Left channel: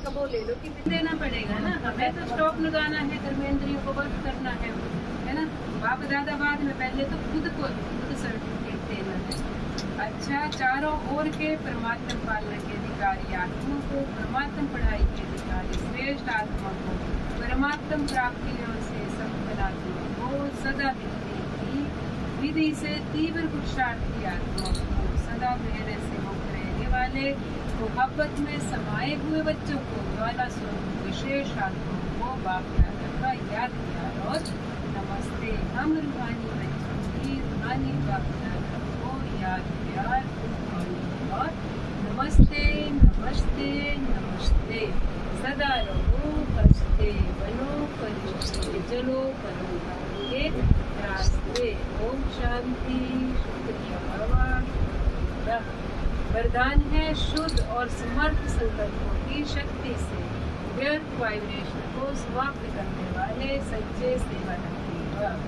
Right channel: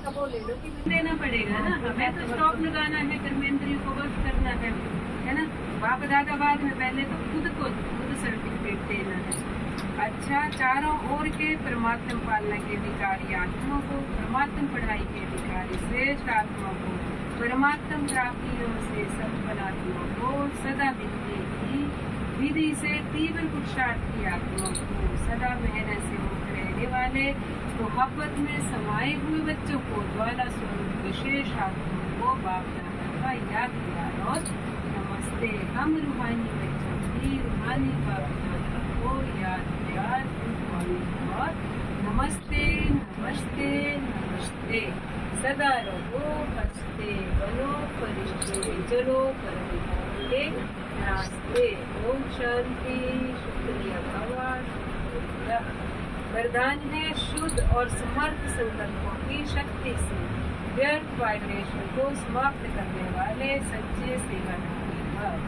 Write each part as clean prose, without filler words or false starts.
का वो ले लो कि देना पड़ेगा ना, हमें तो स्टॉक लगाना है, कर्मेंद्रियों को वर्क करना है ना। बाप दादा बाद में, पहले तो खुद सर्टिफिकेट देना है। अच्छा, चारों ओर के परमात्म पालना के अधिकारी आत्मा को, परमात्म पढ़ाई के अधिकारी श्रेष्ठ आत्मा को, परमात्म प्राप्तियों से संपन्न आत्मा को, सदा विद्या की विधि से तीव्र पुरुषार्थी आत्मा को, सदा मेहनत से मुक्त रहने वाले मोहब्बत में समाये हुए बच्चों को, ज्वाला स्वरूप विशेष आत्मा को बाप दादा का याद प्यार और नमस्ते। हम रूहानी बच्चों की रूहानी बाप दादा को याद प्यार और नमस्ते नमस्ते नमस्ते। सदा रहो हंसते, बनो फरिश्ते, चलो परम के रास्ते। ओम शांति। शुक्रिया भगवान। वरदान है शुद्ध और समर्थ संकल्पों की शक्ति से व्यर्थ वाइब्रेशन को समाप्त करने वाले सच्चे सेवाधारी भव।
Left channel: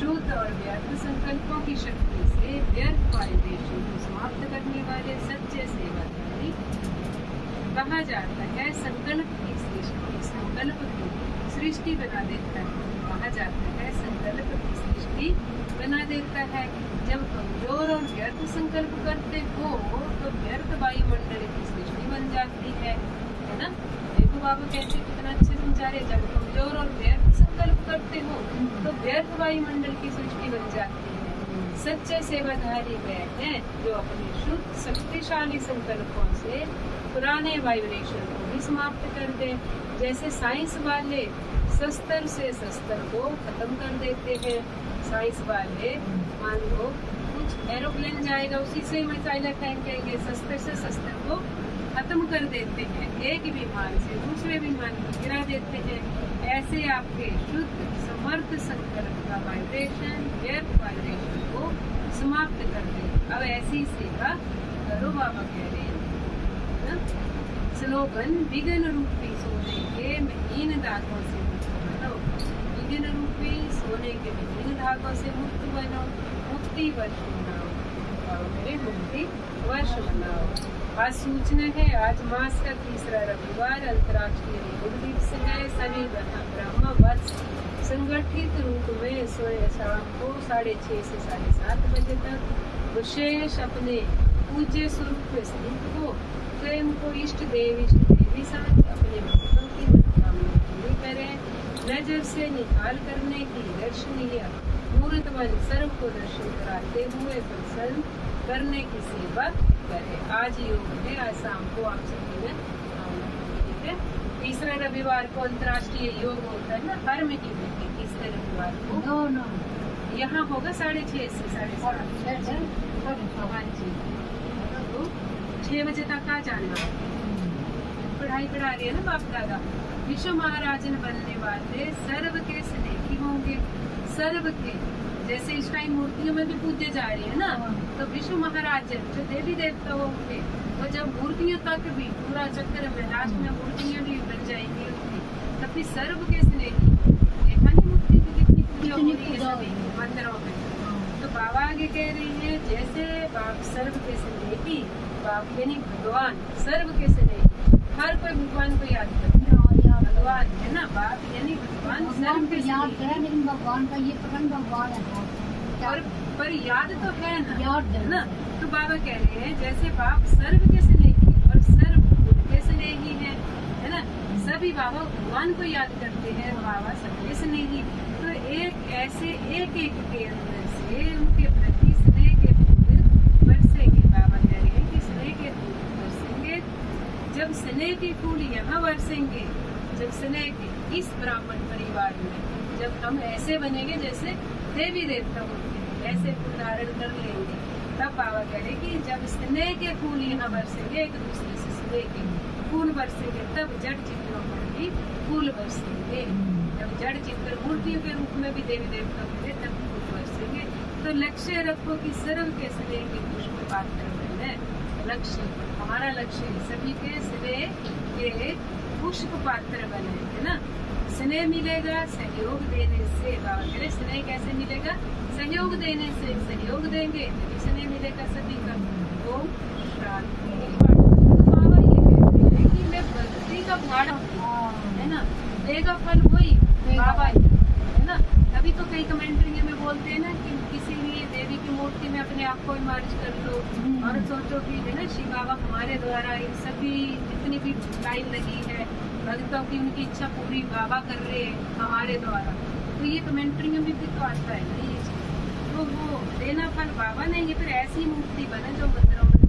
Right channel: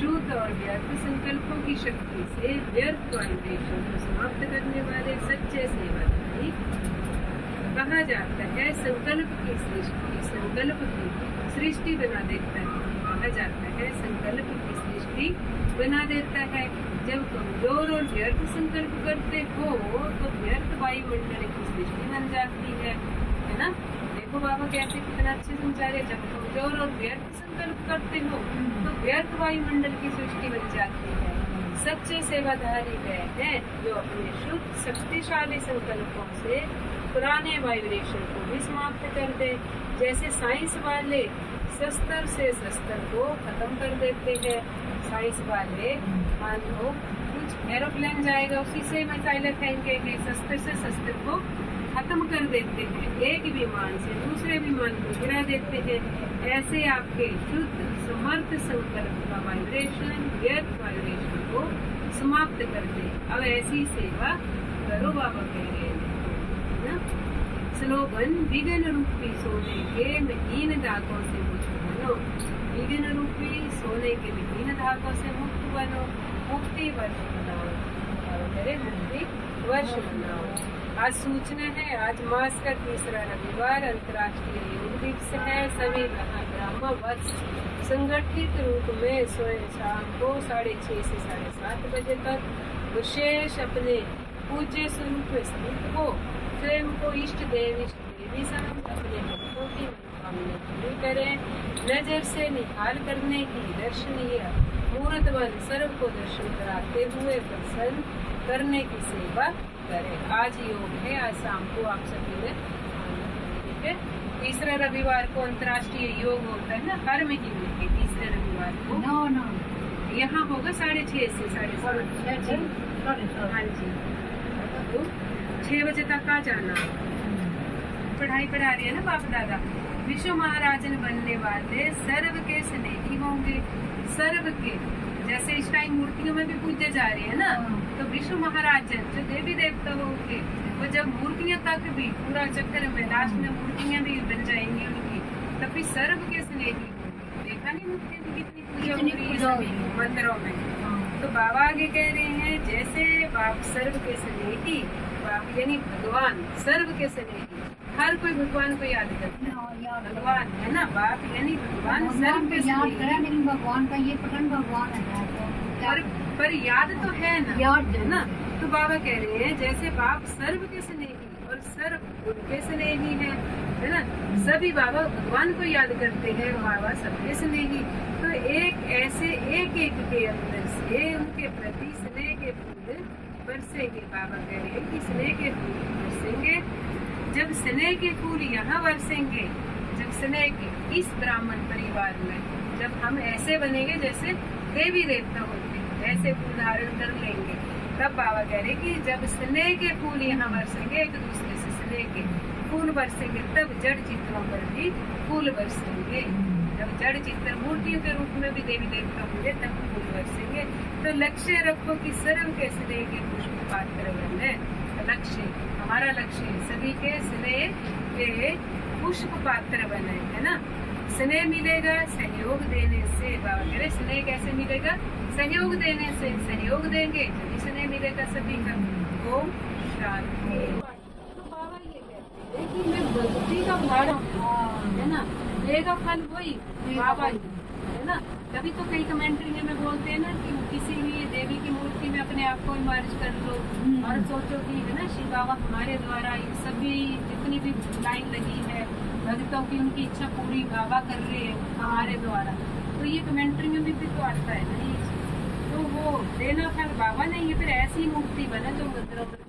शुद्ध और व्यर्थ संकल्पों की शक्ति से व्यर्थ वाइब्रेशन को समाप्त करने वाले सच्चे सेवाधारी कहा जाता है। संकल्प की सृष्टि बना देता है। कहा जाता है संकल्प की सृष्टि बना देता है। जब कमजोर और व्यर्थ संकल्प करते हो तो व्यर्थ वायुमंडल की सृष्टि बन जाती है ना। देखो बाबा कैसे कितना अच्छे समझा रहे। जब कमजोर और व्यर्थ संकल्प करते हो तो व्यर्थ वायुमंडल की सृष्टि बन जाती है। सच्चे सेवाधारी वह हैं जो अपने शुद्ध शक्तिशाली संकल्पों से पुराने वाइब्रेशन को भी समाप्त कर दे। जैसे साइंस वाले शस्त्र से शस्त्र को खत्म कर देते हैं। साइंस वाले मान लो कुछ एरोप्लेन जाएगा, उसी से मिसाइल फेंकेंगे, शस्त्र से शस्त्र को खत्म कर देते हैं। एक विमान से दूसरे विमान को गिरा देते हैं। ऐसे आपके शुद्ध समर्थ संकल्प का वाइब्रेशन व्यर्थ वाइब्रेशन को समाप्त कर दे। अब ऐसी सेवा करो बाबा कह रहे हैं ना। स्लोगन विघ्न रूपी सोने के महीन धागों से मुक्त बनो। विघ्न रूपी सोने के महीन धागों से मुक्त बनो। मुक्ति वर्ष मनाओ। मेरे मुक्ति वर्ष मनाओ। आज सूचना है, आज मास का तीसरा रविवार अंतर्राष्ट्रीय योग दिवस है। सभी ब्रह्म वर्ष संगठित रूप में शाम को 6:30 से 7:30 बजे तक विशेष अपने पूज्य स्वरूप में स्थित हो स्वयं को इष्ट देवी साथ अपने भक्तों की मनोकामना पूरी करें। नजर से निहाल करने की दर्शनीय मूर्तवन सर्व को दर्शन कराते हुए प्रसन्न करने की सेवा करें। आज योग है, आज शाम को आप सभी ने ठीक है। तीसरे रविवार को अंतर्राष्ट्रीय योग होता है ना, हर महीने के तीसरे रविवार को यहाँ होगा 6:30 से 7:30। हाँ जी, तो 6 बजे तक आ जाना। पढ़ाई पढ़ा रही है ना बाप दादा। विश्व महाराजन बनने वाले सर्व के स्नेही होंगे। सर्व के जैसे इस टाइम मूर्तियों में भी पूजे जा रहे हैं ना, तो विश्व महाराजन जो देवी देवता होंगे वो जब मूर्तियों तक भी पूरा चक्कर में लास्ट में मूर्तियां भी बन जाएंगी उनकी, तो फिर सर्व के स्नेही। देखा नहीं मूर्ति की कितनी पूजा हो रही है मंदिरों में। तो बाबा आगे कह रहे हैं जैसे बाप सर्व के स्नेही, बाप यानी भगवान सर्व के स्नेही। हर कोई भगवान को याद करता है, भगवान है ना। बाप यानी भगवान सर्व के याद करें, लेकिन भगवान का ये प्रकरण भगवान है पर याद तो है ना, याद है ना। तो बाबा कह रहे हैं जैसे बाप सर्व के स्नेही और सर्व उनके स्नेही है ना। सभी बाबा भगवान को याद करते हैं, बाबा सबके स्नेही। तो एक ऐसे एक के अंदर से उनके प्रति स्नेह के फूल बरसेंगे। बाबा कह रहे हैं कि स्नेह के फूल बरसेंगे। जब स्नेह के फूल यहाँ बरसेंगे, जब स्नेह के इस ब्राह्मण परिवार में जब हम ऐसे बनेंगे जैसे देवी देवता होते हैं, ऐसे फूल धारण कर लेंगे, तब बाबा कह रहे कि जब स्नेह के फूल यहाँ बरसेंगे, एक दूसरे से स्नेह के फूल बरसेंगे, तब जड़ चित्रों पर भी फूल बरसेंगे। जब जड़ चित्र मूर्तियों के रूप में भी देवी देवता होंगे तब फूल बरसेंगे। तो लक्ष्य रखो कि सर्व के स्नेह के पुष्प पात्र बने। लक्ष्य, हमारा लक्ष्य सभी के स्नेह के पुष्प पात्र बने, है ना। स्नेह मिलेगा सहयोग देने से। बाबा कह रहे स्नेह कैसे मिलेगा? सहयोग देने से। सहयोग देंगे तभी स्नेह मिलेगा सभी का। ओम शांति। बाबा ये कहते हैं कि मैं भक्ति का देगा फल वही बाबा ही, है ना। तभी तो कई कमेंट्री में बोलते हैं ना कि किसी भी देवी की मूर्ति में अपने आप को इमर्ज कर लो और सोचो कि है ना शिव बाबा हमारे द्वारा इन सभी जितनी भी लाइन लगी है भक्तों की उनकी इच्छा पूरी बाबा कर रहे हैं हमारे द्वारा। तो ये कमेंट्री में भी तो आता है ना ये चीज। तो वो देना फल बाबा ने, ये फिर ऐसी मूर्ति बना जो मंदिरों में